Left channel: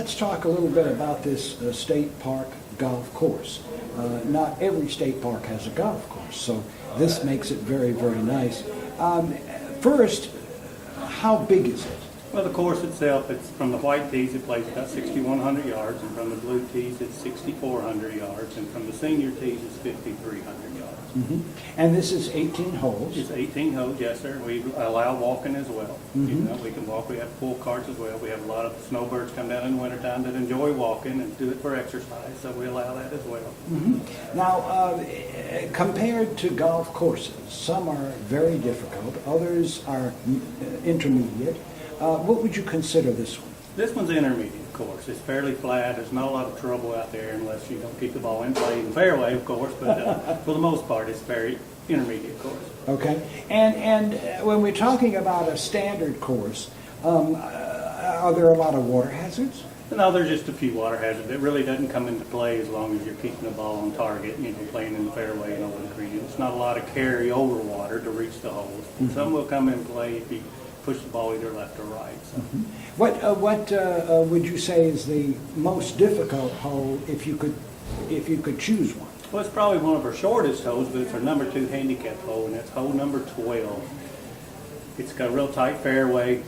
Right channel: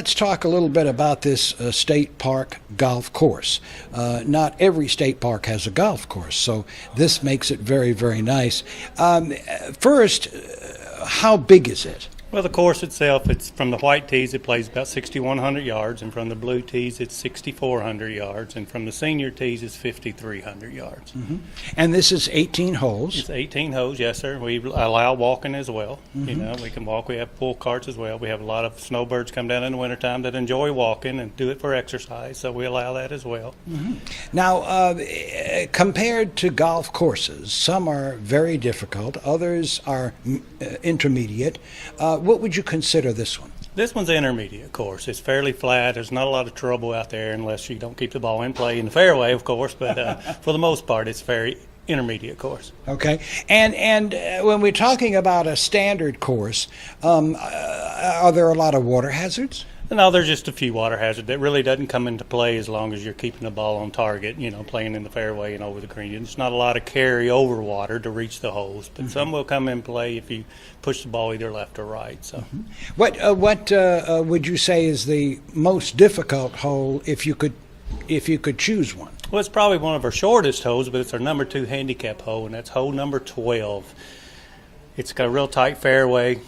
let's talk a little bit about this state park golf course. Not every state park has a golf course, so this makes it very, very nice. First, how big is it? Well, the course itself, it's from the white tees, it plays about 6,100 yards, and from the blue tees, it's 6,400 yards, and from the senior tees, it's 5,300 yards. Mm-hmm. And this is 18 holes? It's 18 holes, yes, sir. We allow walking as well. Mm-hmm. You know, we can walk. We have full carts as well. We have a lot of snowbirds come down in the wintertime that enjoy walking and do it for exercise, so we allow that as well. Mm-hmm. Now, compared to golf courses, some are very difficult, others are intermediate. What would you consider this one? This one's an intermediate course. It's fairly flat. There's not a lot of trouble out there unless you don't keep the ball in play in the fairway, of course, but for the most part, it's a very intermediate course. Okay. And when we're talking about a standard course, are there a lot of water hazards? No, there's just a few water hazards. That really doesn't come into play as long as you're keeping the ball on target, you know, playing in the fairway and over the green. It's not a lot of carry over water to reach the holes, but some will come in play if you push the ball either left or right. So, What would you say is the most difficult hole if you could choose one? well, it's probably one of our shortest holes, but it's our number 2 handicap hole, and that's hole number 12. It's got a real tight fairway,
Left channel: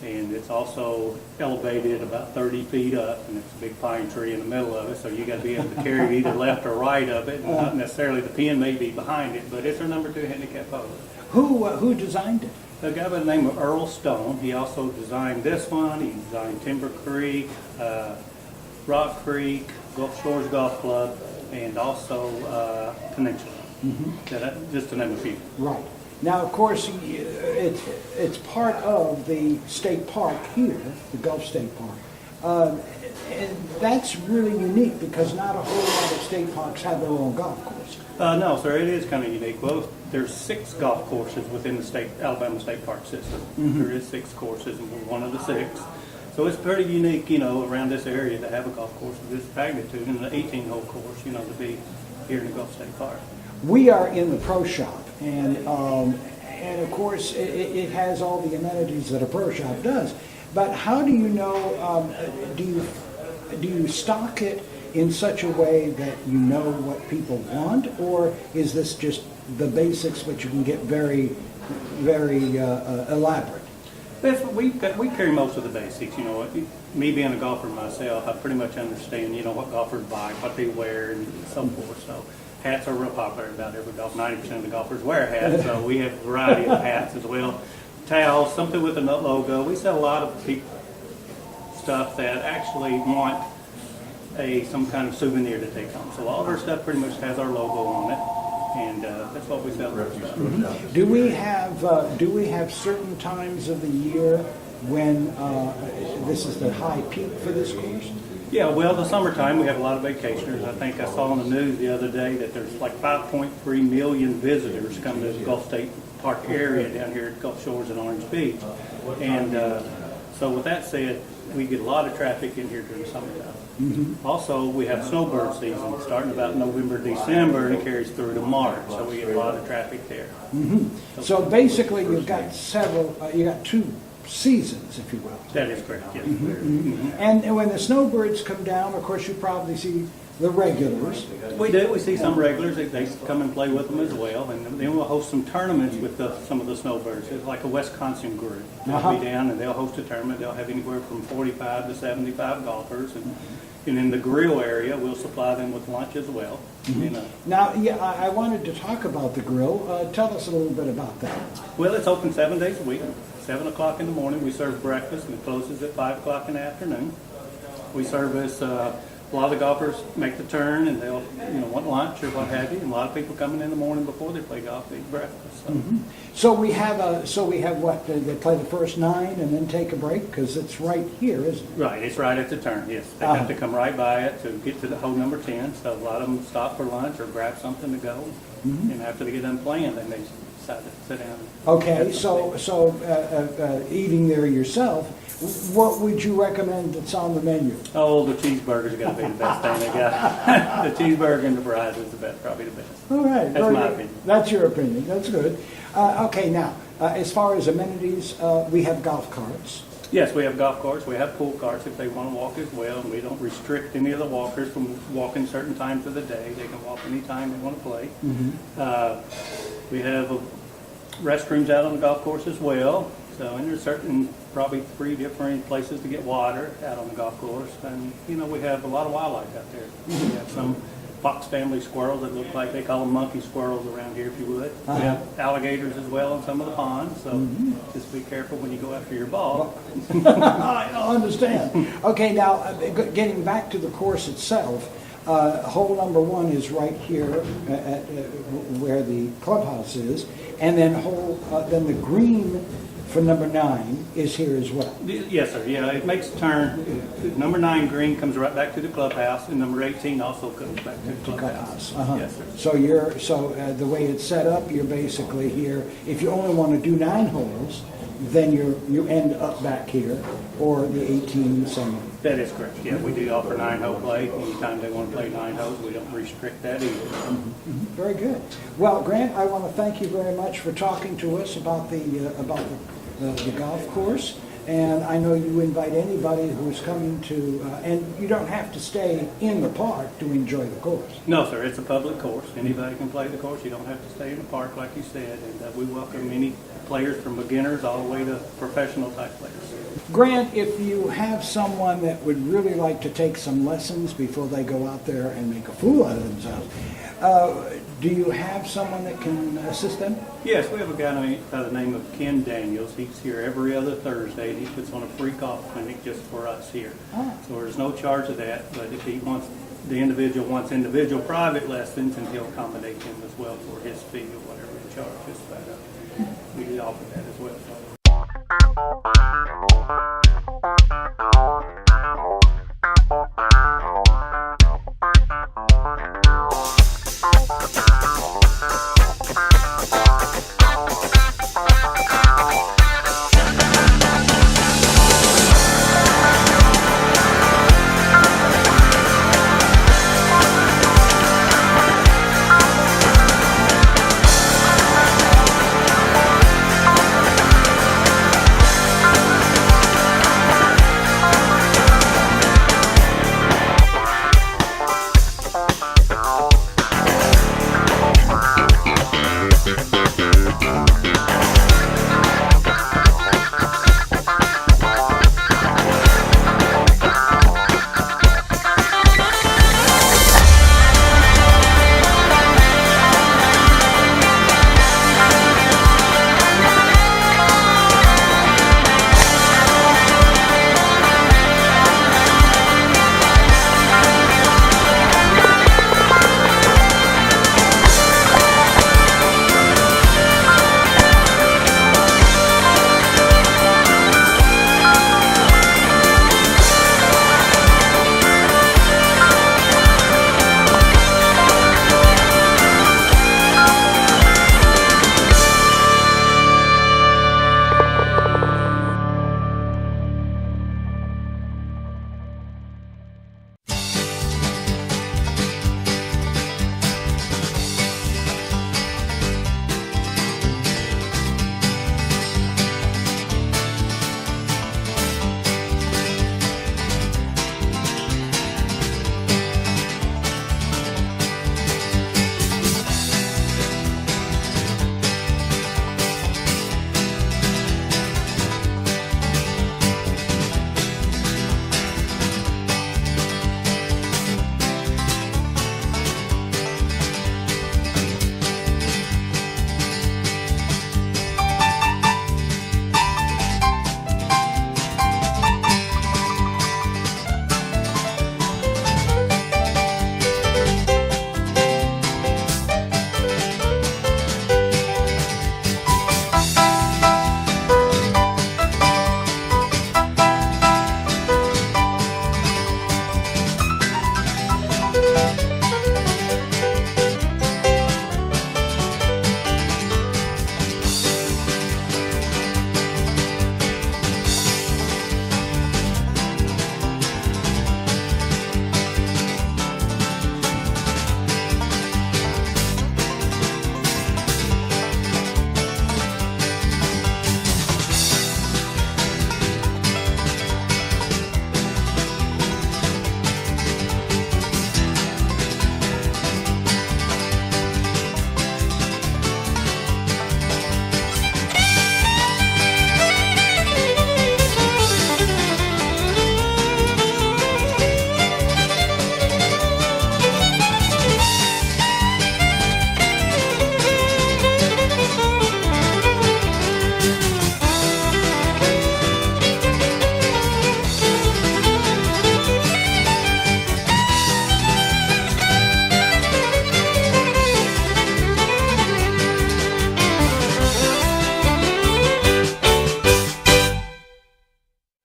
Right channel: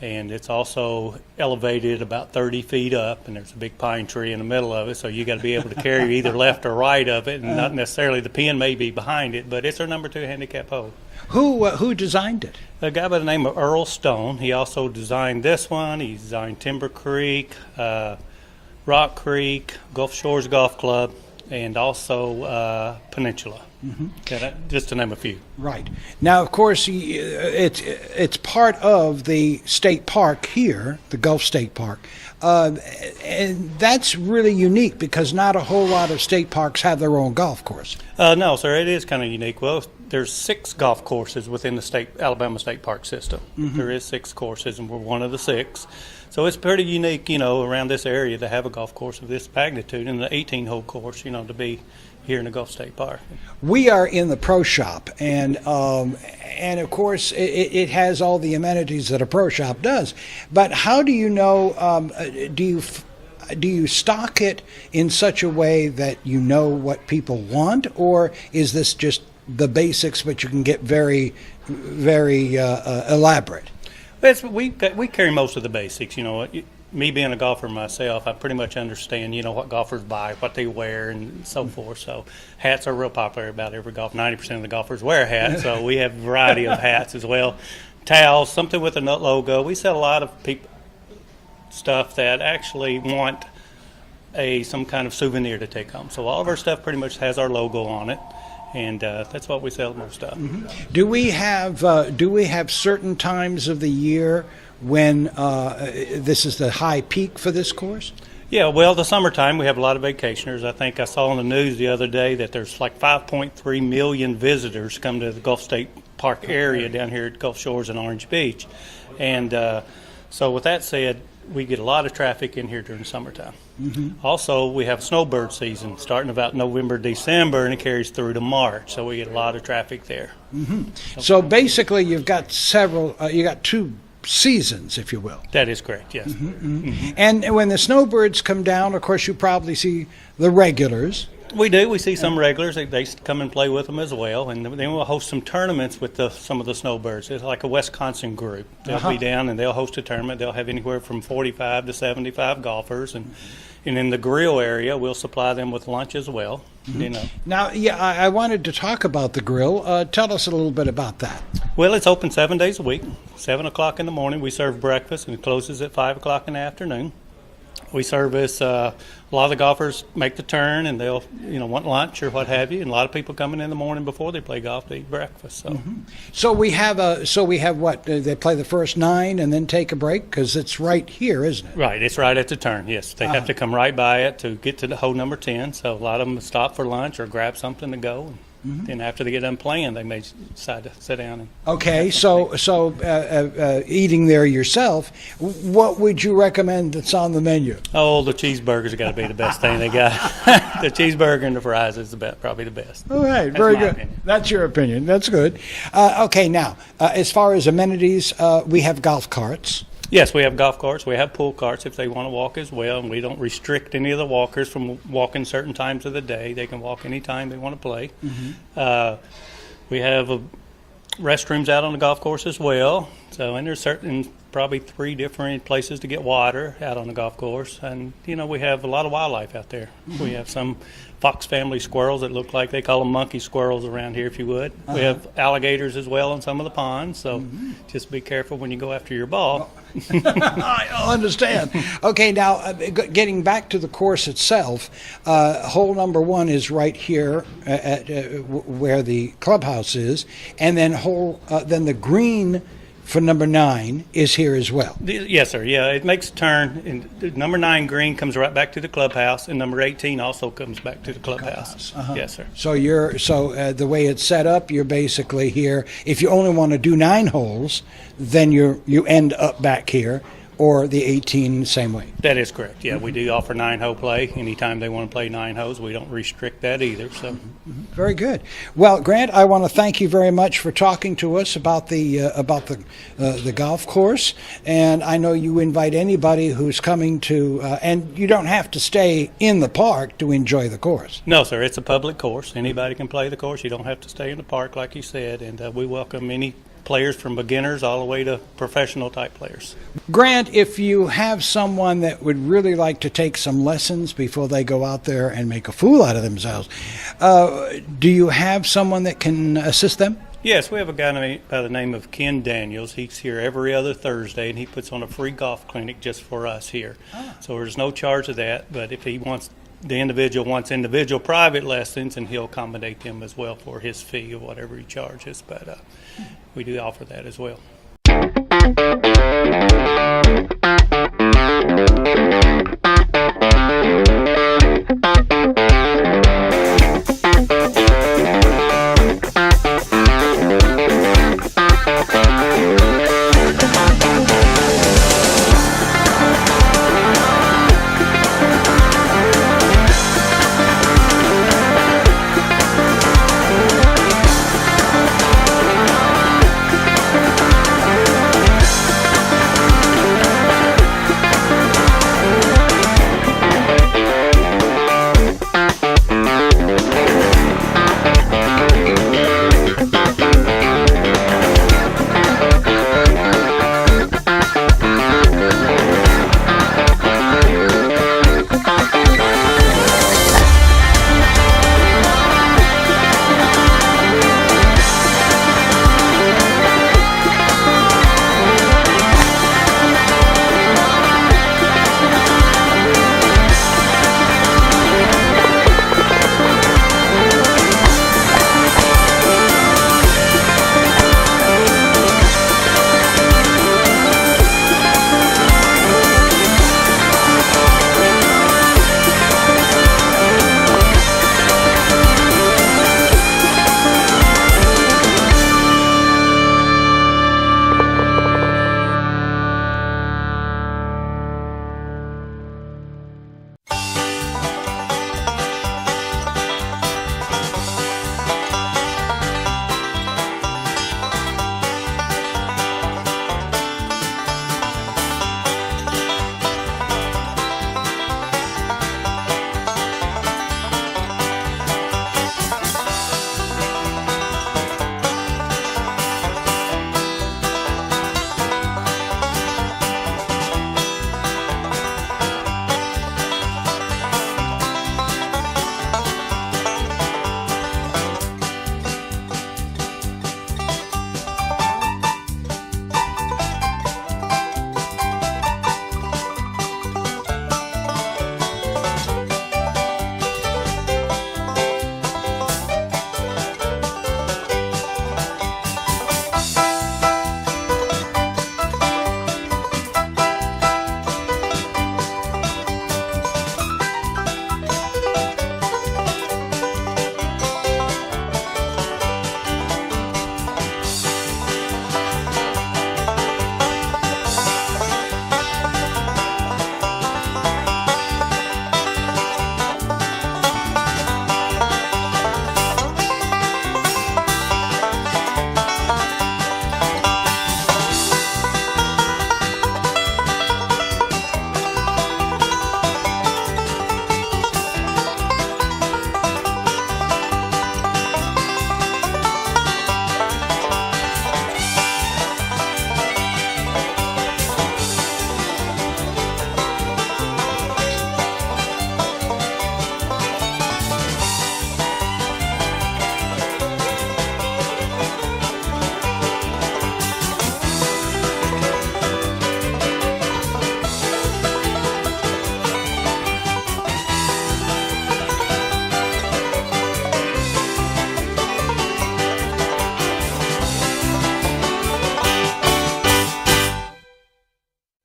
and it's also elevated about 30 feet up, and there's a big pine tree in the middle of it, so you got to be able to carry either left or right of it, and not necessarily the pin may be behind it, but it's our number 2 handicap hole. Who designed it? A guy by the name of Earl Stone. He also designed this one. He designed Timber Creek, Rock Creek, Gulf Shores Golf Club, and also Peninsula. Mm-hmm. Yeah, just to name a few. Right. Now, of course, it's part of the state park here, the Gulf State Park. And that's really unique because not a whole lot of state parks have their own golf course. No, sir, it is kind of unique. Well, there's 6 golf courses within the Alabama State Park system. Mm-hmm. There is 6 courses, and we're one of the 6. So it's pretty unique, you know, around this area to have a golf course of this magnitude and an 18-hole course, you know, to be here in the Gulf State Park. We are in the pro shop, and of course it has all the amenities that a pro shop does. But how do you know? Do you stock it in such a way that you know what people want, or is this just the basics, but you can get very, very elaborate? We carry most of the basics. You know what? Me being a golfer myself, I pretty much understand, you know, what golfers buy, what they wear, and so forth. So hats are real popular about every golf. 90% of the golfers wear hats, so we have a variety of hats as well. Towels, something with a nut logo. We sell a lot of stuff that actually want some kind of souvenir to take home. So all of our stuff pretty much has our logo on it, and that's what we sell our stuff. Do we have certain times of the year when this is the high peak for this course? Yeah, well, the summertime we have a lot of vacationers. I think I saw on the news the other day that there's like 5.3 million visitors come to the Gulf State Park area down here at Gulf Shores and Orange Beach. And so with that said, we get a lot of traffic in here during the summertime. Mm-hmm. Also, we have snowbird season starting about November, December, and it carries through to March. So we get a lot of traffic there. Mm-hmm. So basically you got 2 seasons, if you will. That is correct, yes. Mm-hmm. Mm-hmm. And when the snowbirds come down, of course, you probably see the regulars. We do. We see some regulars. They come and play with them as well. And then we'll host some tournaments with some of the snowbirds. It's like a Wisconsin group. They'll be down and they'll host a tournament. They'll have anywhere from 45 to 75 golfers. And in the grill area, we'll supply them with lunch as well. Mm-hmm. You know. Now, yeah, I wanted to talk about the grill. Tell us a little bit about that. Well, it's open 7 days a week. 7 o'clock in the morning, we serve breakfast, and it closes at 5 o'clock in the afternoon. We service a lot of the golfers make the turn, and they'll, you know, want lunch or what have you. And a lot of people coming in the morning before they play golf to eat breakfast. So, so we have what they play the first 9 and then take a break because it's right here, isn't it? Right, it's right at the turn. Yes, they have to come right by it to get to the hole number 10. So a lot of them stop for lunch or grab something to go. Mm-hmm. And after they get done playing, they may decide to sit down. Okay, so eating there yourself, what would you recommend that's on the menu? Oh, the cheeseburgers got to be the best thing they got. The cheeseburger and the fries is probably the best. All right, very good. That's your opinion. That's good. Okay, now, as far as amenities, we have golf carts. Yes, we have golf carts. We have pool carts if they want to walk as well. And we don't restrict any of the walkers from walking certain times of the day. They can walk anytime they want to play. We have restrooms out on the golf course as well. So, and there's certain, probably 3 different places to get water out on the golf course. And, you know, we have a lot of wildlife out there. We have some fox family squirrels that look like, they call them monkey squirrels around here, if you would. We have alligators as well in some of the ponds, so just be careful when you go after your ball. I understand. Okay, now, getting back to the course itself, hole number 1 is right here at where the clubhouse is, and then then the green for number 9 is here as well. Yes, sir. Yeah, it makes a turn. Number 9 green comes right back to the clubhouse, and number 18 also comes back to the clubhouse. Yes, sir. So the way it's set up, you're basically here. If you only want to do 9 holes, then you end up back here, or the 18 same way. That is correct. Yeah, we do offer 9-hole play. Anytime they want to play 9 holes, we don't restrict that either. So. Very good. Well, Grant, I want to thank you very much for talking to us about the golf course. And I know you invite anybody who's coming to, and you don't have to stay in the park to enjoy the course. No, sir. It's a public course. Anybody can play the course. You don't have to stay in the park, like you said. And we welcome any players from beginners all the way to professional type players. Grant, if you have someone that would really like to take some lessons before they go out there and make a fool out of themselves, do you have someone that can assist them? Yes, we have a guy by the name of Ken Daniels. He's here every other Thursday, and he puts on a free golf clinic just for us here. So there's no charge of that, but if the individual wants individual private lessons, and he'll accommodate them as well for his fee of whatever he charges. But we do offer that as well.